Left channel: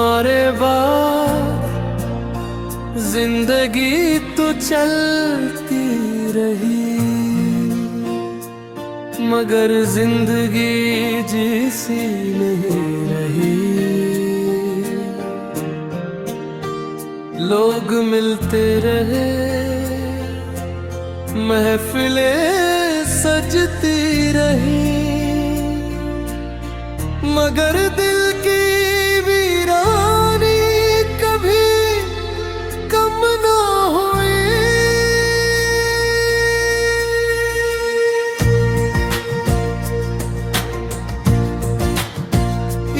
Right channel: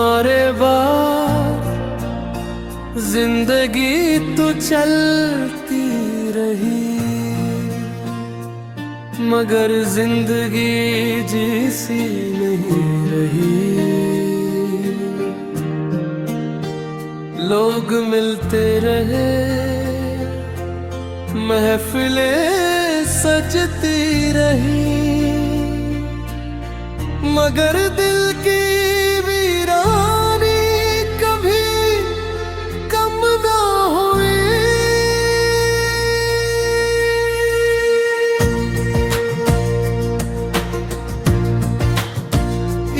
तुम्हारे बाद जिंदगी तो चलती रही, मगर जिंदगी जैसी नहीं रही। लोग मिलते रहे, महफिलें सजती रही, मगर दिल की वीरानी कभी कम ना हुई।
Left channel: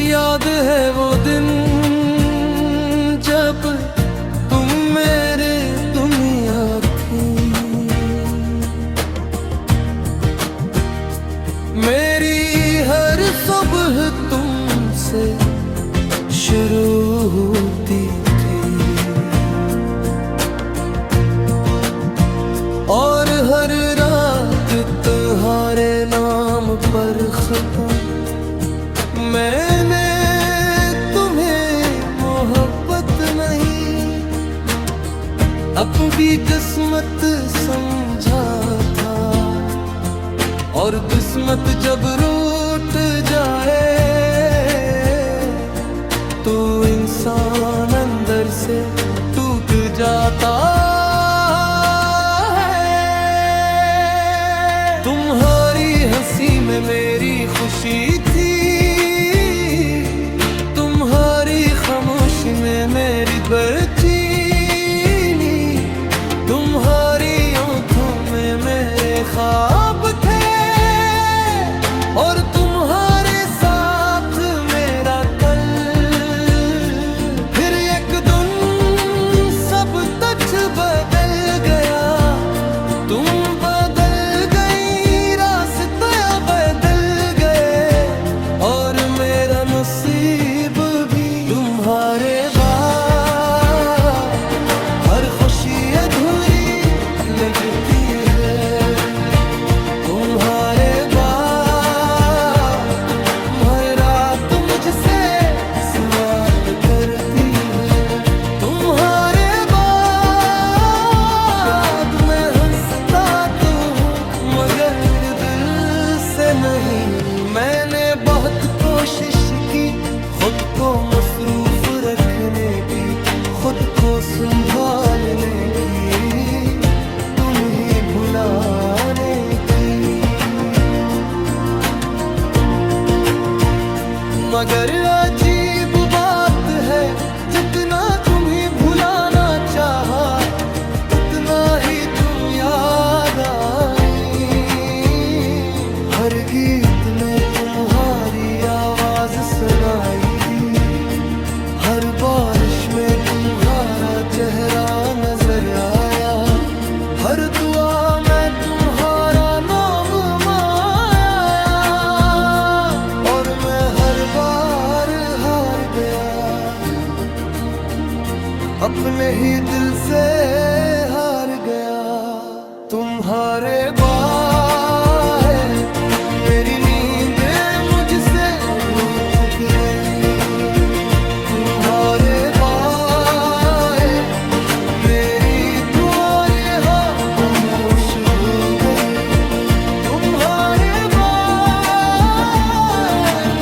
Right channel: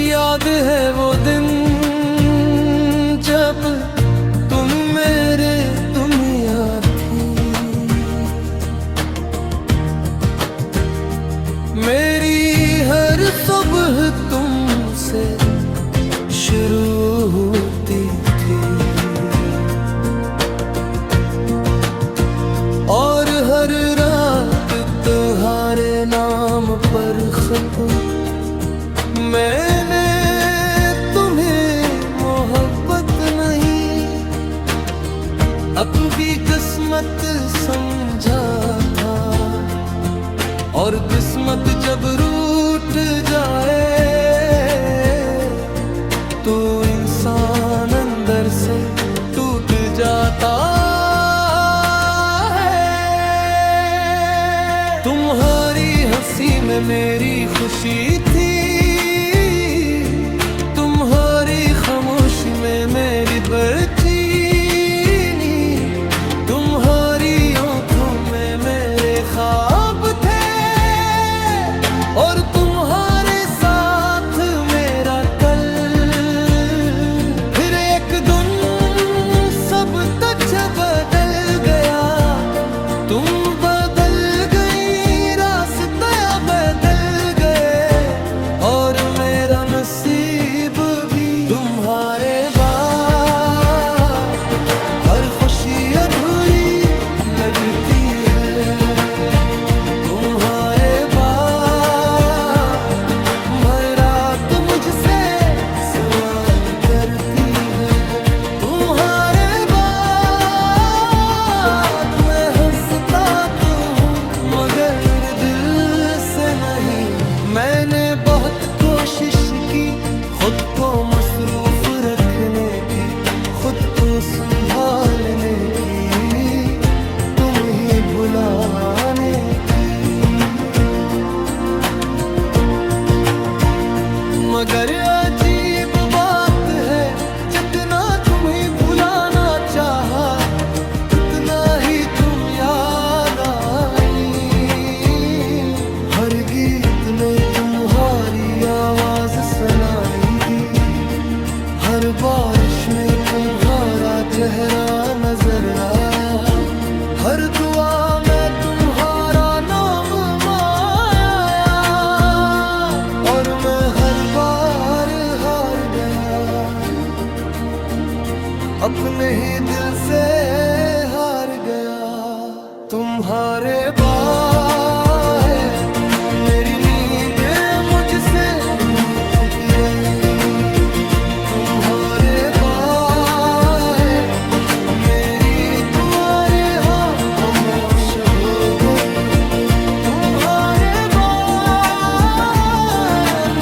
याद है वो दिन जब तुम मेरे दुनिया थी, मेरी हर सुबह तुमसे शुरू होती थी, और हर रात तुम्हारे नाम पर खत्म मैंने तुम्हें मोहब्बत नहीं अपनी किस्मत समझा था। और किस्मत जब रूठ जाए तो इंसान अंदर से टूट जाता है। तुम्हारी हंसी में मेरी खुशी थी, तुम्हारी खामोशी में मेरी बेचैनी, तुम्हारी आंखों में मेरे ख्वाब थे, और तुम्हारे साथ मेरा कल। फिर एक दिन सब कुछ बदल गया, तुम बदल गई, रास्ते बदल गए, और मेरा नसीब भी। तुम्हारे बाद हर खुशी अधूरी लगती है, तुम्हारे बाद हर रात मुझसे सवाल करती है। तुम्हारे बाद मैं हंसता तो हूँ मगर दिल से नहीं। मैंने बहुत कोशिश की खुद को मसरूफ रखने की, खुद को संभालने की, तुम ही भुलाने की, मगर अजीब बात है जितना तुम्हें भुलाना चाहा उतना ही तुम याद आई। हर गीत में तुम्हारी आवाज सुनाई दी, हर बारिश में तुम्हारा चेहरा नजर आया, हर दुआ में तुम्हारा नाम माया, और मैं हर बार हार गया, अपने ही दिल से हार गया। तुम्हारे बाद मेरी नींदें मुझसे रूठ गई, तुम्हारे बाद मेरी दुआएं खामोश हो गई, तुम्हारे बाद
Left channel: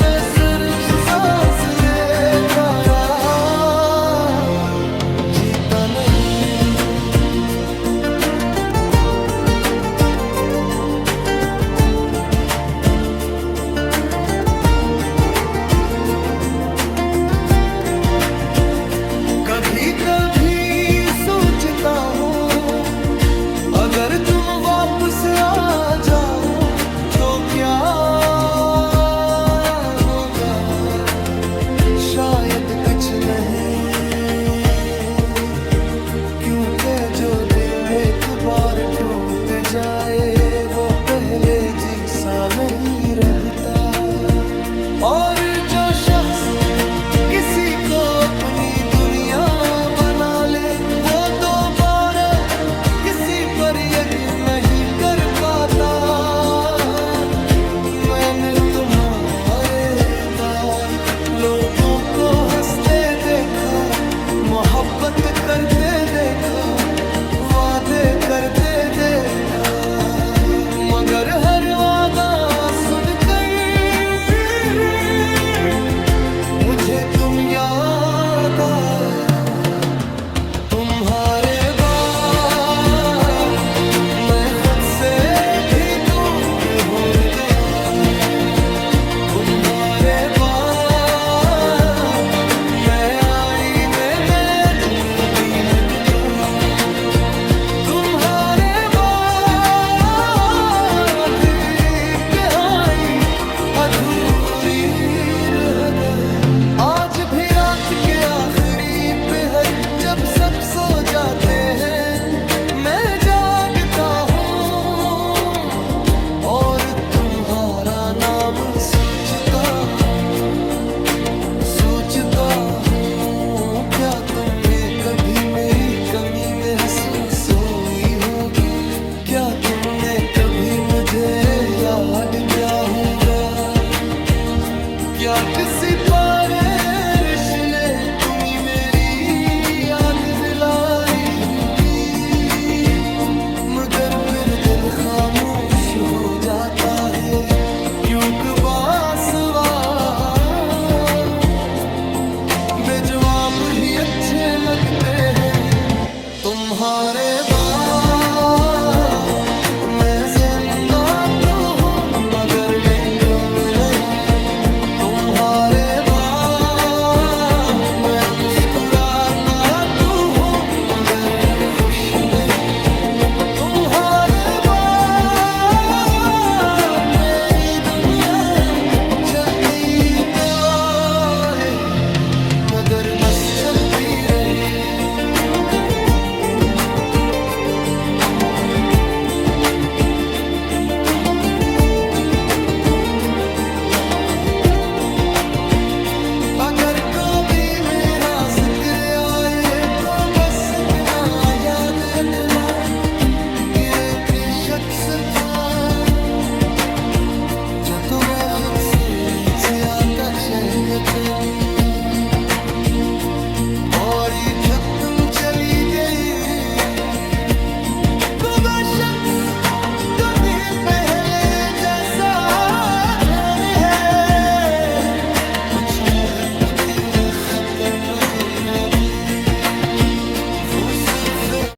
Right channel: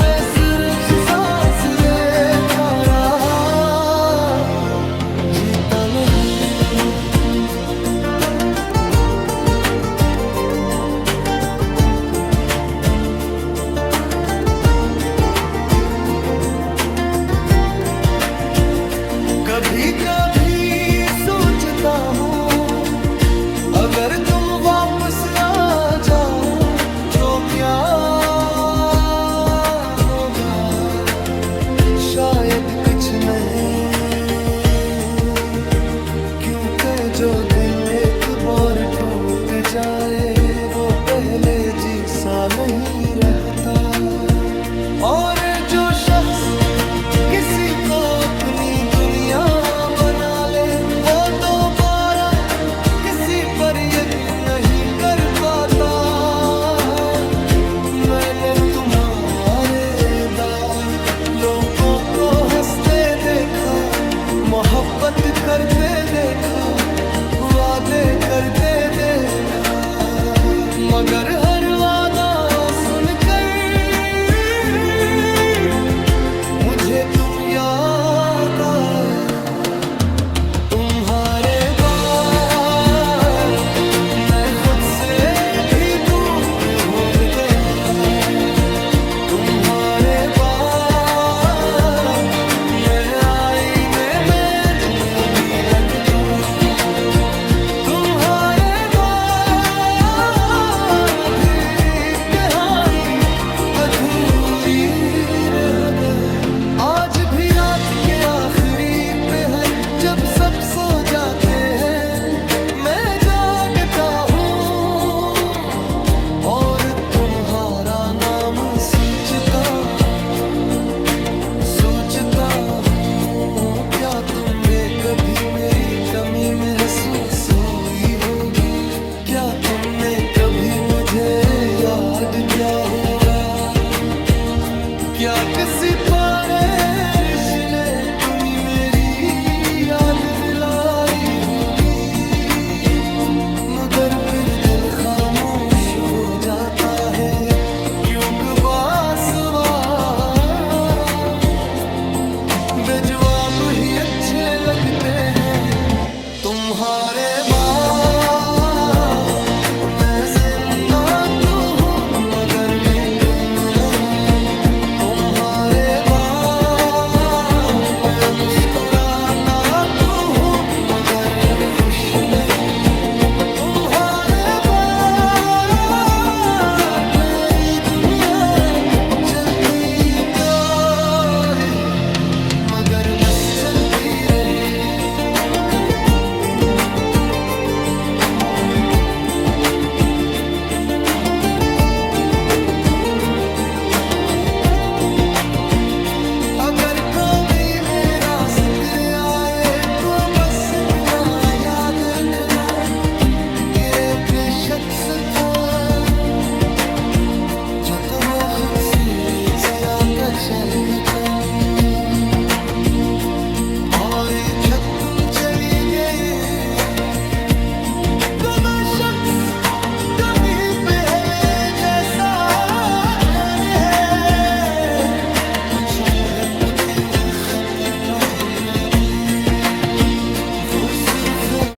मैं सिर्फ सांस लेता रहा, जीता नहीं। कभी कभी सोचता हूँ अगर तुम वापस आ जाओ तो क्या होगा, शायद कुछ नहीं, क्योंकि जो दिल एक बार टूट जाए वो पहले जैसा नहीं रहता, और जो शख्स किसी को अपनी दुनिया बना ले वो दोबारा किसी पर यकीन नहीं कर पाता। मैंने तुम्हारे दाग लोगों को हंसते दे देखा, मोहब्बत करते देखा, वादे करते देखा, मगर हर वादा सुनकर मुझे तुम याद आए। तुम्हारे बाद मैं खुद से भी दूर हो गया। तुम्हारे बाद मैं आईने में अजनबी लगता। तुम्हारे बाद तेरी कहानी अधूरी रह गई। आज भी रात के आखिरी पहर जब सब सो जाते हैं, मैं जागता हूँ और तुम्हारा नाम सोचता हूँ। क्या तुम्हें कभी मेरी कमी महसूस हुई होगी? क्या तुमने कभी मुझे याद किया होगा? क्या किसी बारिश ने तुम्ही मेरी याद दिलाई होगी? मगर फिर दिल खामोश हो जाता है, क्योंकि बासवा बेजवाब ही अच्छे लगते हैं। तुम्हारे बाद मैं जिंदा तो हूँ मगर मैं कम नहीं। तुम्हारे बाद मैं मुस्कुराता तो हूँ मगर खुश नहीं। तुम्हारे बाद मेरी दुनिया चलती तो रही मगर बस चलती रही। अगर कभी मेरा जिक्र आए तो बस इतना याद रखना, तेरे पे शख्स था जब तो मैं खुद से नीचे आता चहकन। और जब तुम चली गई तो वह शख्स कभी पहले जैसा है। कुछ मोहब्बतें हैं खत्म न होती, वो सिर्फ